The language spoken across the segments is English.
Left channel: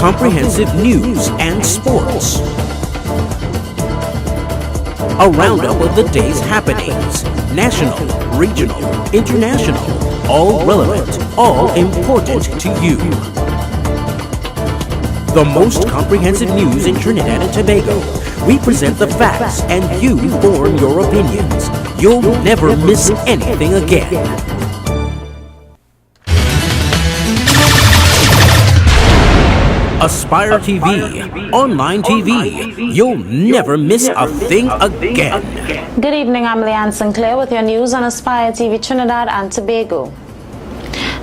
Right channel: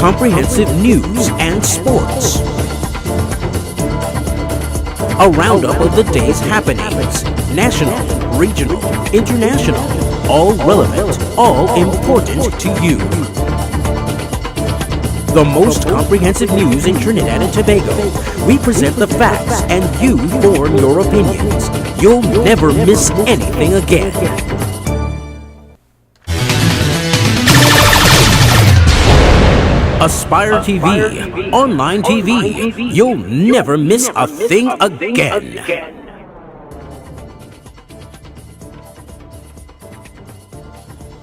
comprehensive news and sports. A roundup of the day's happenings, national, regional, international, all relevant, all important to you. The most comprehensive news in Trinidad and Tobago. We present the facts and you form your opinions. You'll never miss anything again. AspireTV, online TV. You'll never miss a thing again. Good evening, I'm Leanne Sinclair with your news on AspireTV Trinidad and Tobago.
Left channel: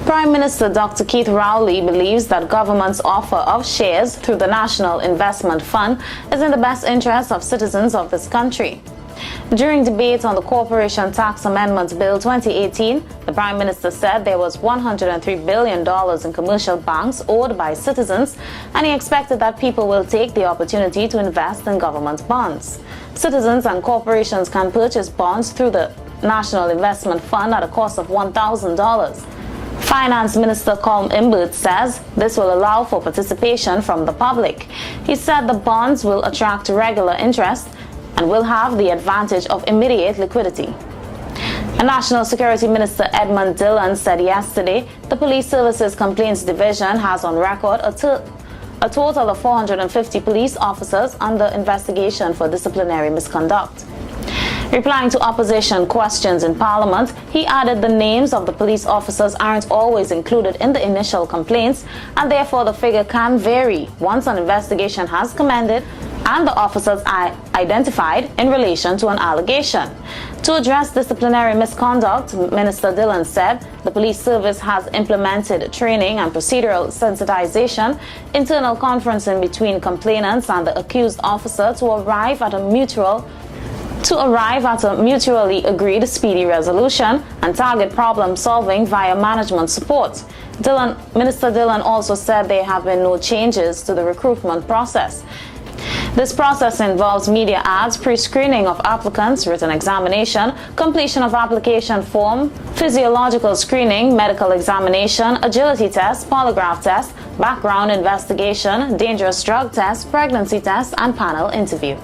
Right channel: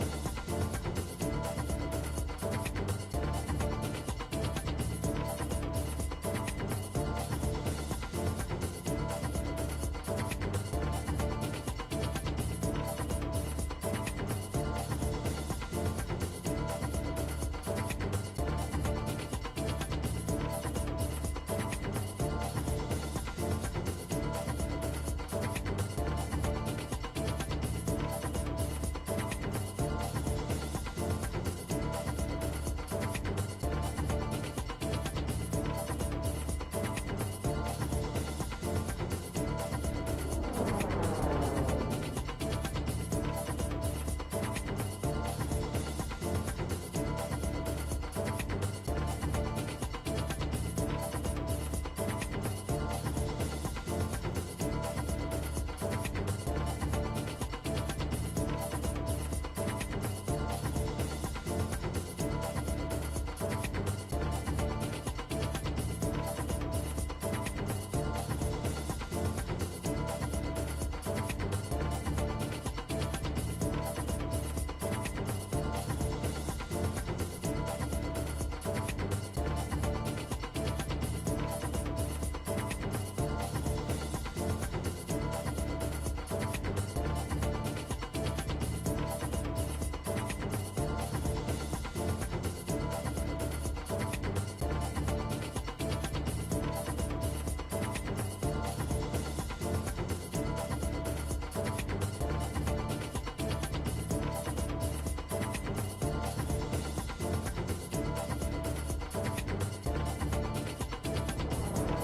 Prime Minister Dr. Keith Rowley believes that government's offer of shares through the National Investment Fund is in the best interest of citizens of this country. During debate on the Corporation Tax Amendment Bill 2018, the Prime Minister said there was $103 billion in commercial banks owed by citizens, and he expected that people will take the opportunity to invest in government bonds. Citizens and corporations can purchase bonds through the National Investment Fund at a cost of $1,000. Finance Minister Colm Imbert says this will allow for participation from the public. He said the bonds will attract regular interest and will have the advantage of immediate liquidity. A National Security Minister Edmund Dillon said yesterday the Police Services Complaints Division has on record a total of 450 police officers under investigation for disciplinary misconduct. Replying to opposition questions in Parliament, he added the names of the police officers aren't always included in the initial complaints, and therefore the figure can vary once an investigation has commenced and the officers are identified in relation to an allegation. To address disciplinary misconduct, Minister Dillon said the police service has implemented training and procedural sensitization, internal conferencing between complainants and the accused officer to arrive at a mutually agreed speedy resolution and target problem solving via management support. Minister Dillon also said there have been no changes to the recruitment process. This process involves media ads, pre-screening of applicants, written examination, completion of application form, physiological screening, medical examination, agility test, polygraph test, background investigation, dangerous drug test, pregnancy test, and panel interview.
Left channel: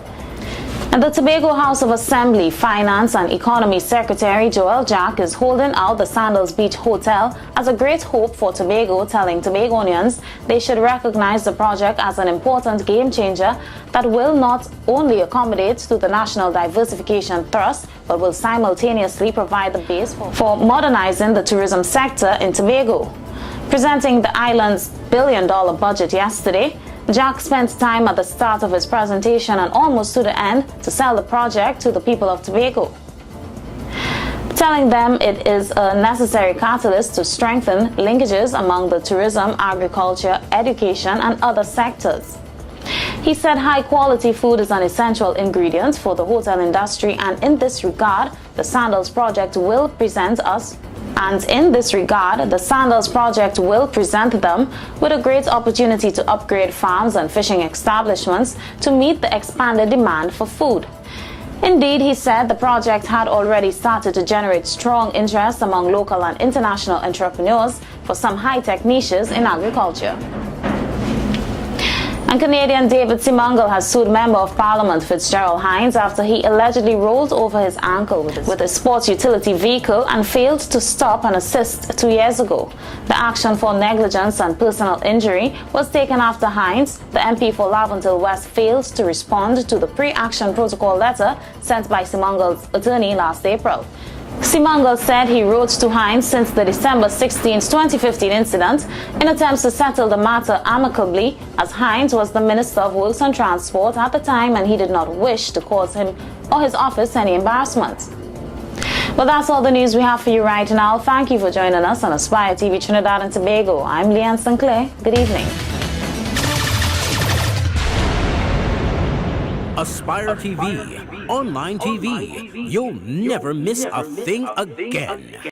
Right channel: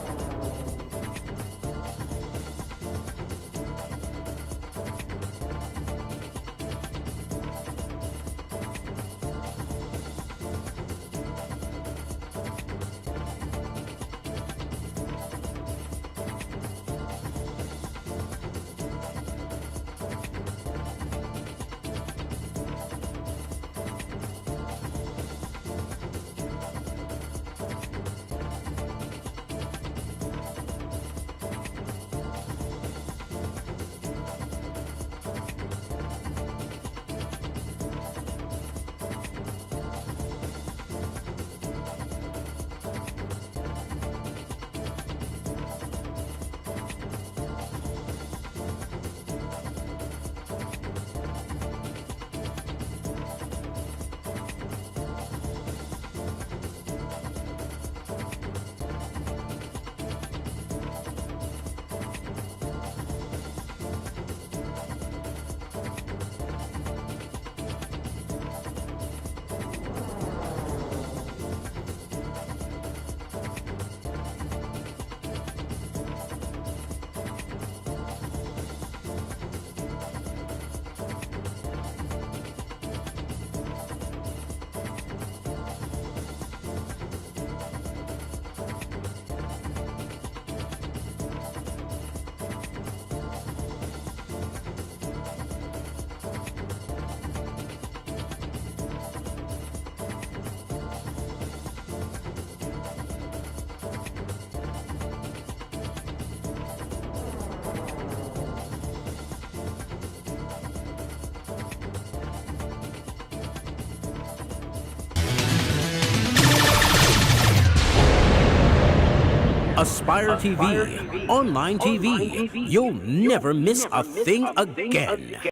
And the Tobago House of Assembly Finance and Economy Secretary Joel Jack is holding out the Sandals Beach Hotel as a great hope for Tobago, telling Tobagonians they should recognize the project as an important game changer that will not only accommodate to the National Diversification Thrust, but will simultaneously provide the base for modernizing the tourism sector in Tobago. Presenting the island's billion-dollar budget yesterday, Jack spent time at the start of his presentation and almost to the end to sell the project to the people of Tobago, telling them it is a necessary catalyst to strengthen linkages among the tourism, agriculture, education, and other sectors. He said high-quality food is an essential ingredient for the hotel industry, and in this regard, the Sandals project will present them with a great opportunity to upgrade farms and fishing establishments to meet the expanded demand for food. Indeed, he said the project had already started to generate strong interest among local and international entrepreneurs for some high-tech niches in agriculture. And Canadian David Simangal has sued Member of Parliament Fitzgerald Hines after he allegedly rolled over his ankle with a sports utility vehicle and failed to stop and assist 2 years ago. The action for negligence and personal injury was taken after Hines, the MP for Laventille West, failed to respond to the pre-action protocol letter sent by Simangal's attorney last April. Simangal said he wrote to Hines since the December 16, 2015 incident in attempts to settle the matter amicably, as Hines was the Minister of Works and Transport at the time and he did not wish to cause him or his office any embarrassment. Well, that's all the news we have for you right now. Thank you for joining us on AspireTV Trinidad and Tobago. I'm Leanne Sinclair. Good evening. AspireTV, online TV. You'll never miss a thing again.